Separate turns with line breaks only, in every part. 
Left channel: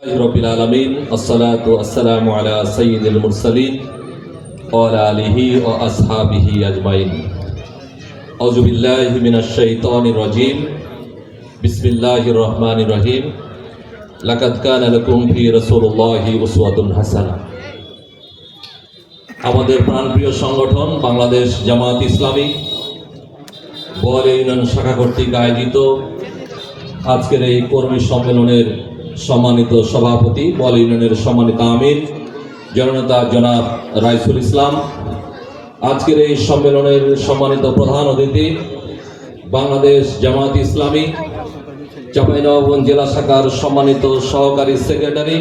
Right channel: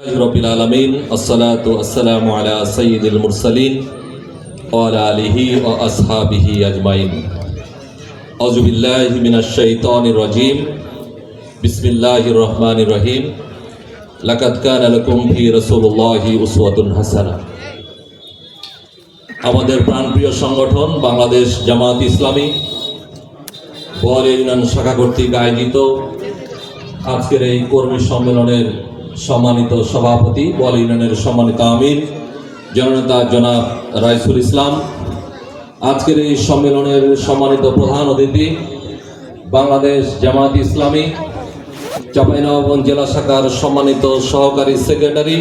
রহিম হাসানা আমাদের প্রাণপ্রিয় সংগঠন বাংলাদেশ জামাত ইসলামী বোয়ারি ইউনিয়ন শাখা কর্তৃক আয়োজিত আজকের এই কর্মী সম্মেলনের সম্মানিত সভাপতি বল ইউনিয়নের সম্মানিত আমির, জননেতা জনাব রাইসুল ইসলাম। আজকের এই সম্মেলনের সম্মানিত প্রধান অতিথি বাংলাদেশ জামাত ইসলামী, চাঁপাইনবাবগঞ্জ জেলা শাখার সম্মানিত সহকারী সেক্রেটারি।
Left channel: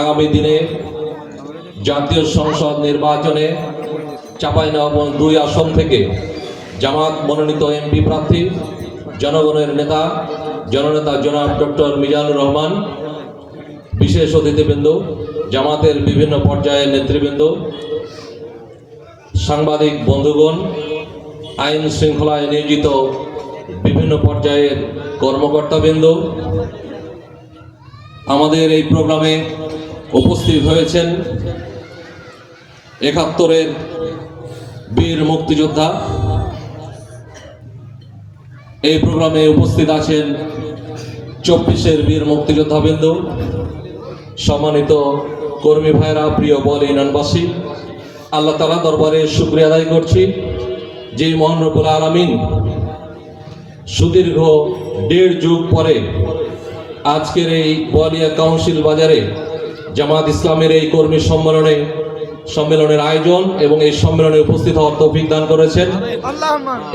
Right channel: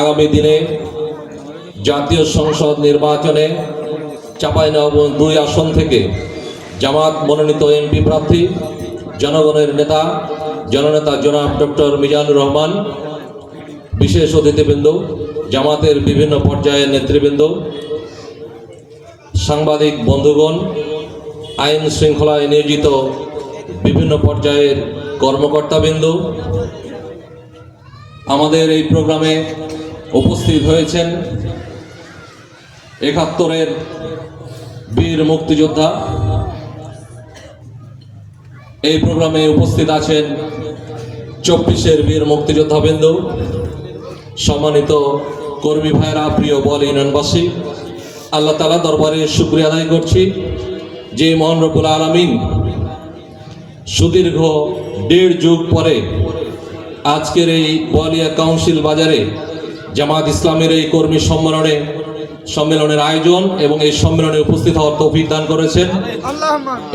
আগামী দিনে জাতীয় সংসদ নির্বাচনে চাঁপাইনবাবগঞ্জ দুই আসন থেকে জামাত মনোনীত এমপি প্রার্থী জনগণের নেতা, জননেতা জনাব ডক্টর মিজানুর রহমান, বিশেষ অতিথিবৃন্দ, জামাতের বিভিন্ন পর্যায়ের নেতৃবৃন্দ, সাংবাদিক বন্ধুগণ, আইন শৃঙ্খলায় নিয়োজিত বিভিন্ন পর্যায়ের কর্মকর্তাবৃন্দ, আমাদের এই প্রোগ্রামে উপস্থিত হয়েছেন একাত্তরের বীর মুক্তিযোদ্ধা এই প্রোগ্রামে উপস্থিত আছেন চব্বিশের বীর মুক্তিযোদ্ধা বিন্দু, সম্মানিত কর্মী ভাইরা প্রিয় বল ইউনিয়নবাসী, আল্লাহ তালা দরবারে শুক্রিয়া আদায় করছি। যে মহান রবুল আলমিন সুদীর্ঘ দেড় যুগ পরে আজকের এই বলিয়া কাউন্সিল বাজারে জামাত ইসলামের এই কর্মী সম্মেলনে সম্মেলনের আয়োজন এবং এই সম্মেলনে উপস্থিত হওয়ার তৌফিক দান করেছেন।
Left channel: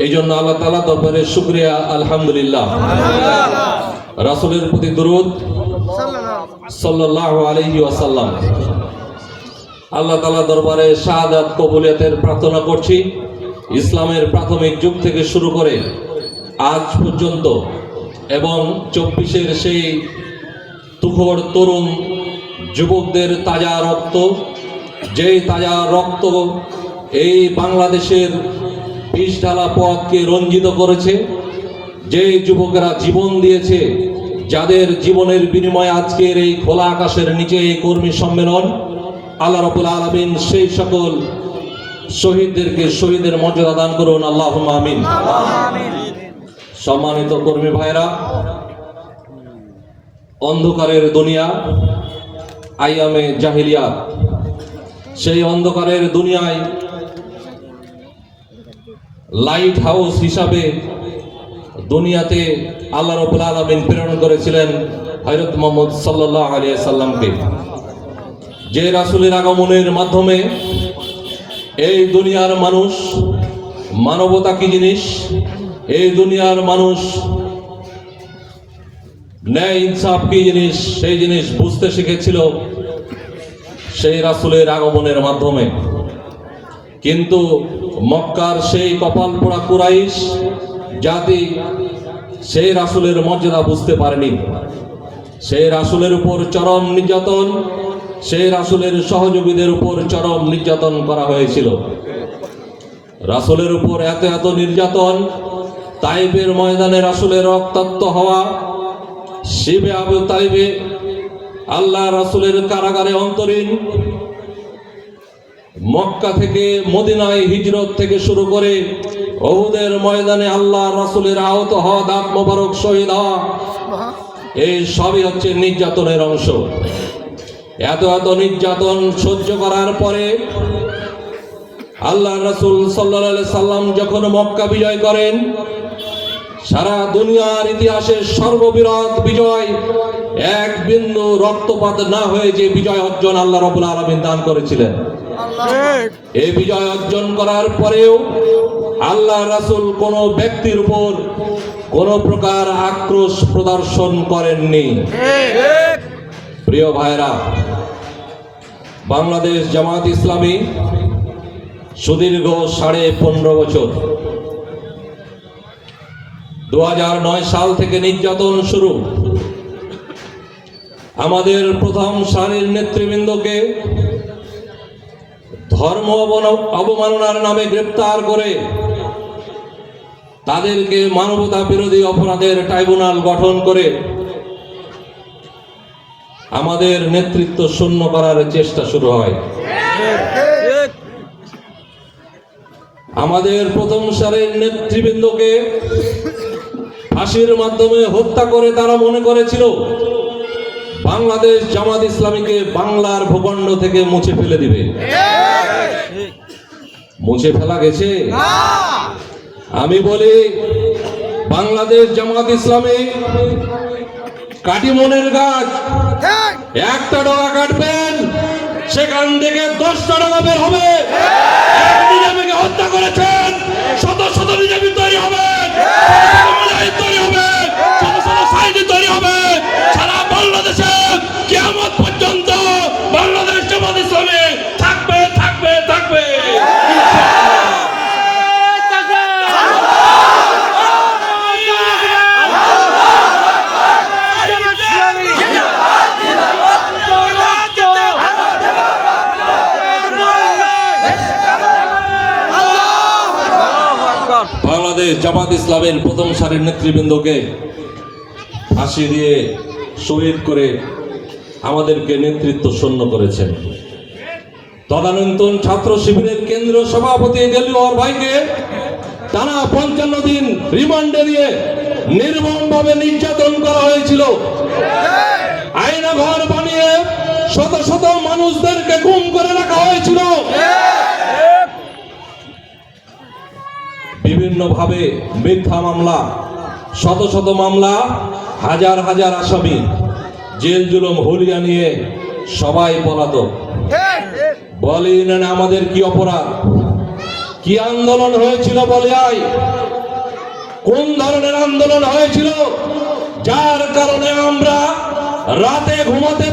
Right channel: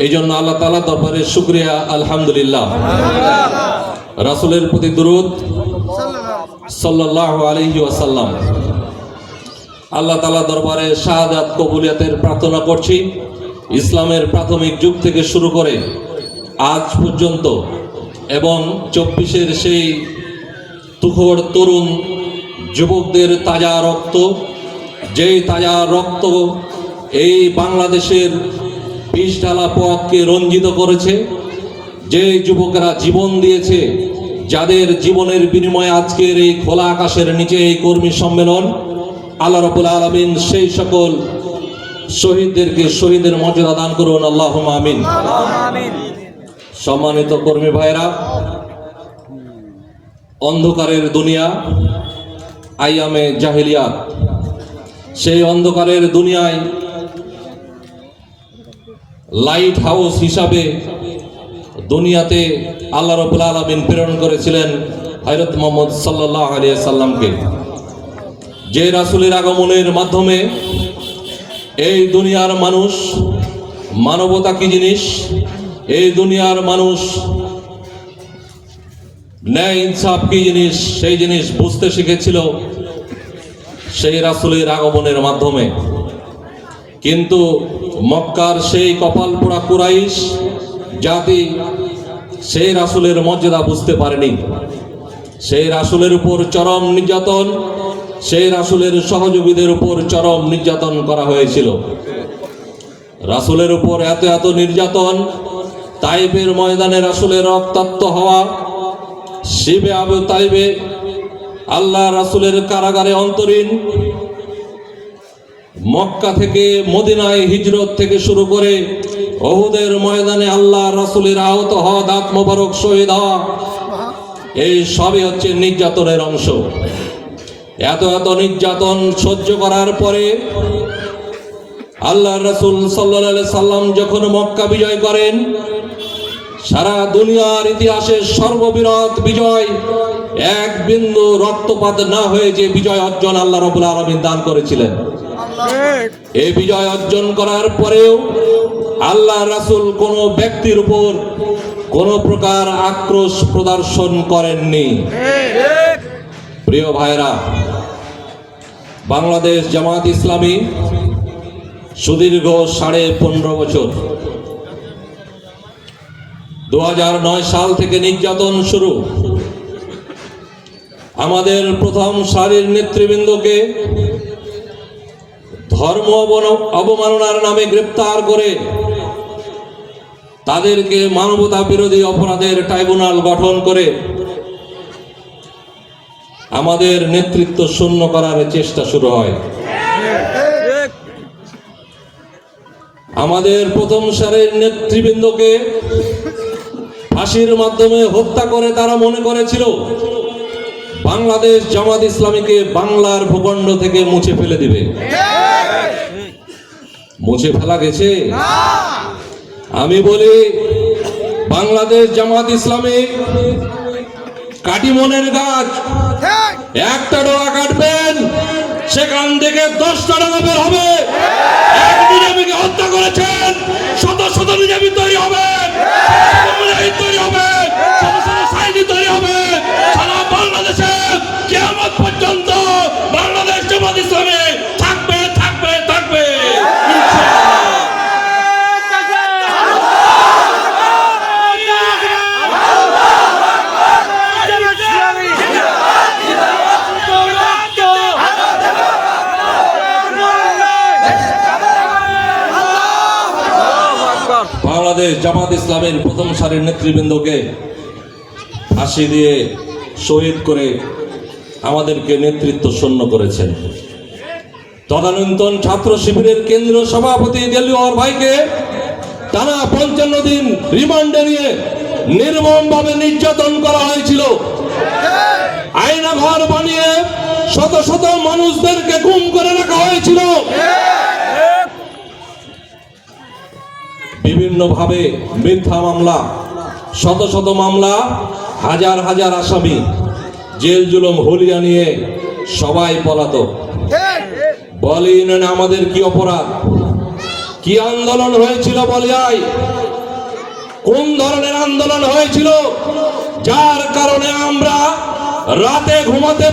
এই জন্য আল্লাহ তালা দরবারের শুক্রিয়া, আলহামদুলিল্লাহ। রাসুলের প্রতি দুরুদ সাল্লাহ আলহি আল্লাহ তালা দরবারে শাহাদাত কবুলিয়াতের প্রার্থনা করছি। ইসলামের প্রাথমিক যুগ থেকে শুরু করে আজ পর্যন্ত এবং চব্বিশের সেই তুখর তরুণ যুবকদের তাজা রক্ত যেই তাজা রক্ত এই বাংলাদেশের বিষ ঢালা পথকে রঞ্জিত করেছে যে যুবকেরা জীবন দিয়েছে, যাদের জীবনের বিনিময়ে আজকের এই খোলা আকাশের নিচে এই কর্মী সম্মেলন, আল্লাহ রাবুল আলমিন সেই সকল শহীদদেরকে শহীদের মর্যাদা দান করুন আল্লাহ আমিন। সম্মানিত কর্মী ভাইয়েরা, অন্ধকারের দুনিয়া, আইয়ামে জাহিলিয়া সেই অন্ধকারের দুনিয়ায় লাইট হাউস হিসাবে দুনিয়াতে আল্লাহ রবুল আলমিন প্রেরণ করেছিলেন হজরত মোহাম্মদ সাল্লাহ আলিয়া সাল্লামকে যে রাসুলের আগমনের মাধ্যমে এই দুনিয়ার মানুষ মানবতা কি জিনিস? এই দুনিয়ার মানুষ ন্যায় ইনসাফ কি জিনিস? সেই জিনিস বুঝতে শিখেছিল। সেই রাসুলের আগমনের মাধ্যমে। কিন্তু মক্কার সেই কপাল পোড়া কুরাইশ জাতি সেই রাসুলের মর্যাদা বুঝতে পারেনি। সেই রাসুলের উপর চরম নির্যাতন, সেই রাসুলের সহযোগীদের উপর চরম নির্যাতন করা হয়েছিল। রাসুলের উপর এত এত নির্যাতন, তাইবের ময়দানে রাসুলের রক্তাক্ত হওয়া, শিবে আবু তাইবে আল্লাহ রাসুলের কারাগারে অন্তরীণ মক্কা থেকে মদিনায় হিজরত থেকে শুরু করে অহুদের ময়দানে আল্লাহ রাসুলের আহত হওয়া দাঁত মোবারক শহীদ হওয়া, এই সবই হচ্ছে নির্যাতনের অংশ। এত এত নির্যাতন সহ্য করার পরে আল্লাহ রাসুল সাল্লা সাল্লাম যখন মক্কা বিজয় করেন, সারা দুনিয়ার ইতিহাসের সর্ববৃহৎ বিজয় এক বিন্দু রক্তপাত না হয়ে যে বিজয় অর্জন আল্লাহ রবুল আলমিন দান করেছিলেন। এই বিজয় অর্জন করার পরেও আল্লাহ রাসুল কোন ব্যক্তির উপর কোন প্রকার আক্রোশ প্রদর্শন করেননি। প্রিয় ভাইরা বাংলাদেশ জামাত ইসলামী সুদীর্ঘ সাড়ে পনেরো বছর। দু হাজার নয় সাল থেকে নির্যাতন শুরু। আমাদের প্রথম সারির নেতৃবৃন্দকে ধর্ম অবমাননার নামে গ্রেপ্তার করে তাদেরকে মানবতা বিরোধী অপরাধের ট্রাইব্যুনাল গঠন করে আমাদের নেতৃত্ব শূন্য করার চেষ্টা শুরু হয়। আমাদের প্রথম সারের নেতৃবৃন্দকে ফাঁসির মাধ্যমে হত্যা করে তারা মনে করেছিল বাংলাদেশ জামাত ইসলামীকে বাংলার ভূখণ্ড থেকে মুছে ফেলে দিবে। মুছে ফেলা গেছে? আমি বলি বাংলাদেশ জামাত ইসলামী কাটিমনের গাছ একটা ডোরা কাটবেন সেখান থেকে দশটা বাংলাদেশ জামাত ইসলামের প্রথম সারির নেতৃবৃন্দকে ফাঁসি দিয়ে শহীদ করে আমাদেরকে নেতৃত্ব শূন্য করেছেন। তদানীন্তন ছাত্র শিবিরের কেন্দ্রীয় সভাপতি দেলিওর ভাইকে টানা পঞ্চান্ন দিন রিমান্ডে নিয়ে নির্মমভাবে নির্যাতন করা হয়েছিল। আয়না ঘর বানিয়ে শত শত মানুষদেরকে গুম করে রাখা হয়েছিল বিভিন্ন ভাবে মিথ্যা মামলা, শত শত মামলা, হাজার হাজার আসামি, জেল জুলুম, হলিয়া নিয়ে সবাই পলাতক। বলেন আমাদের কি অপরাধ? কি আন্দোলন হয়েছিল বলিয়ায় কোন ধরনের আন্দোলন হয়েছিল? যার কারণে আমরা রাতে ঘুমাতে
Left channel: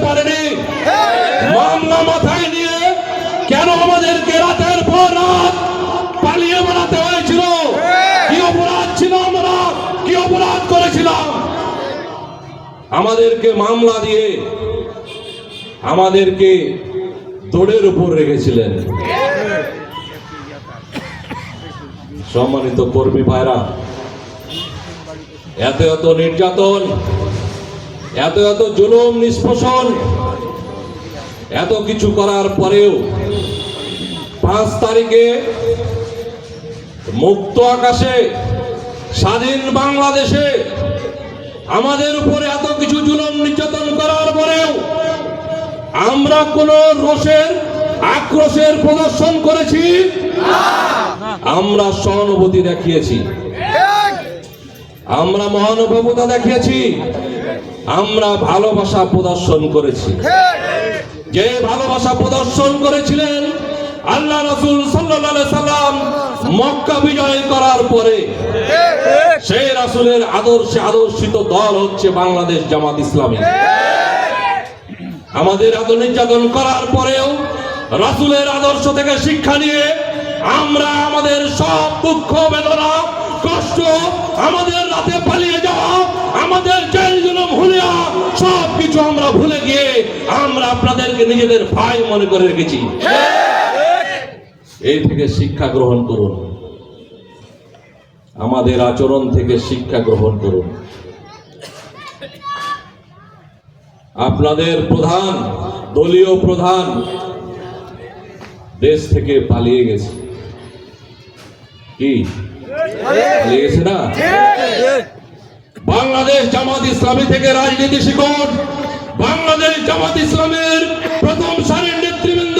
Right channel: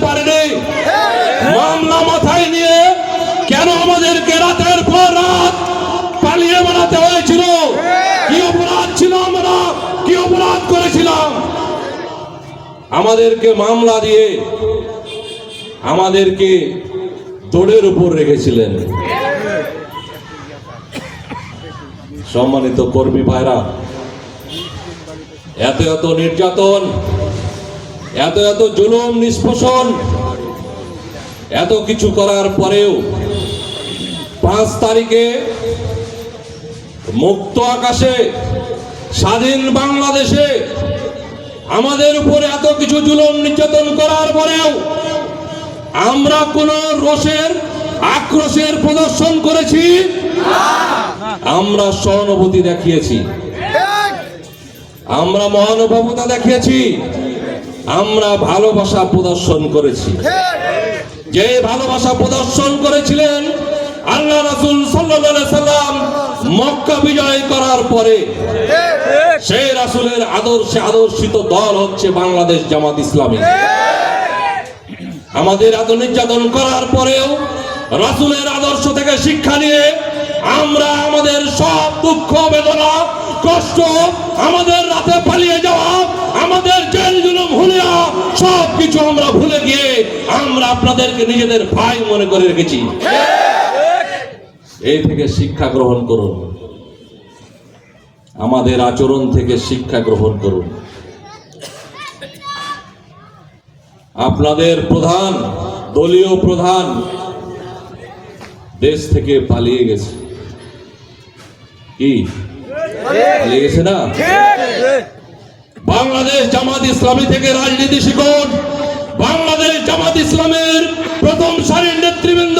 আমাদেরকে মামলা দিয়ে আমাদেরকে দৌড়ের উপর রেখেছিলেন। সম্মানিত কর্মী ভাইরা, এত এত নির্যাতন, এত এত জুলুম, নিষ্পোষণ, এত কিছু করার পরেও পাঁচ তারিখে মুক্ত আকাশে, স্বাধীন বাংলাদেশে আমাদের উপরে এত কিছু জুলুম নির্যাতন করার পরেও আমরা কোন রোষের আক্রোশের প্রদর্শন করেছি? আমরা সহানুভূতি দেখিয়েছি। আমরা মহানুভবতা দেখিয়েছি। আমরা ভালোবাসা প্রদর্শন করেছি। যে ভালোবাসা প্রদর্শন করেছিলেন আল্লাহ রাসুল সাল্লাম মক্কা বিজয় করার পরে সেই রাসূলের আদর্শে আদর্শিত দল হচ্ছে বাংলাদেশ জামাত ইসলামী। আমাদের এত নির্যাতন করার পরেও রাসূলের আদর্শ থেকে শিক্ষা নিয়ে আমরা আমাদের সব দুঃখ, বেদনা, কষ্ট আমাদের রাতে পালিয়ে যাওয়া, আমাদের জেল, জুলুম, হুলিয়া সব কিছু আমরা ভুলে গিয়ে আমরা আপনাদেরকে নিজেদের ভাই মনে করে রেখেছি। এই থেকে শিক্ষা গ্রহণ করুন। আমাদের আচরণ থেকে শিক্ষা গ্রহণ করুন। আপনাদের প্রধান, দলীয় প্রধান দেশ থেকে পালিয়ে গেছে। কি? পালিয়ে গেছে না? বাংলাদেশ জামাত ইসলামী থেকে রাজনীতি শিখুন বাংলাদেশ জামাত ইসলামের প্রথম সারির নেতৃবৃন্দ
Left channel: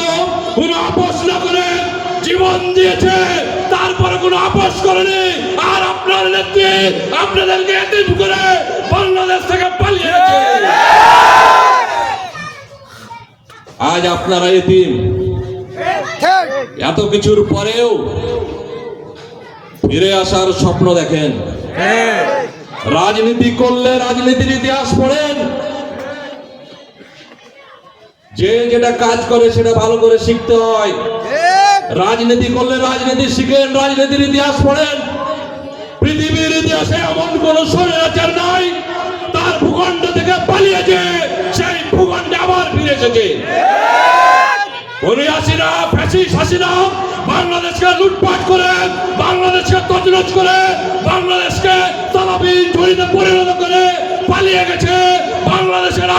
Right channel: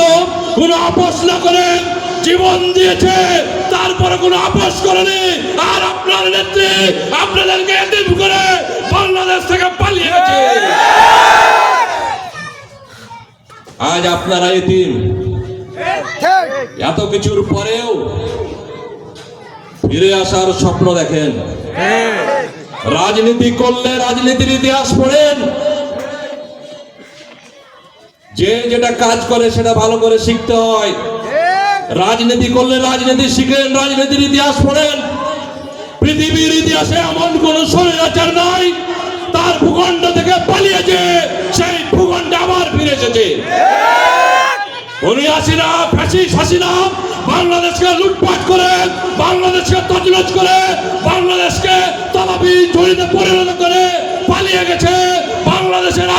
কোনো আপোষ না করে জীবন দিয়েছে, তারপরে কোনো আপোষ করেনি। নেত্রী আপনাদেরকে করে বাংলাদেশ থেকে আজ আপনারা এতিম। এত কিছুর পরেও ফিরে আসার স্বপ্ন দেখেন। রাজনীতি করলে রাজনীতির ইতিহাস পড়েন। যে যেটা কাজ করে সেটা ভালো করে শিখতে হয়। রাজনীতি করলে রাজনীতি শিখেন, রাজনীতির ইতিহাস পড়েন। পৃথিবীর ইতিহাসে এমন কোন স্বৈরাচার নাই। তার ভূখণ্ড থেকে পালিয়েছে, সেই ভূখণ্ড আবার ফিরে এসেছে। বাংলাদেশকে লুটপাট করে, বাংলাদেশকে তজলুজ করে, বাংলাদেশকে তলাপি জড়িত পরিণত করে পালিয়ে গেছে। বাংলাদেশের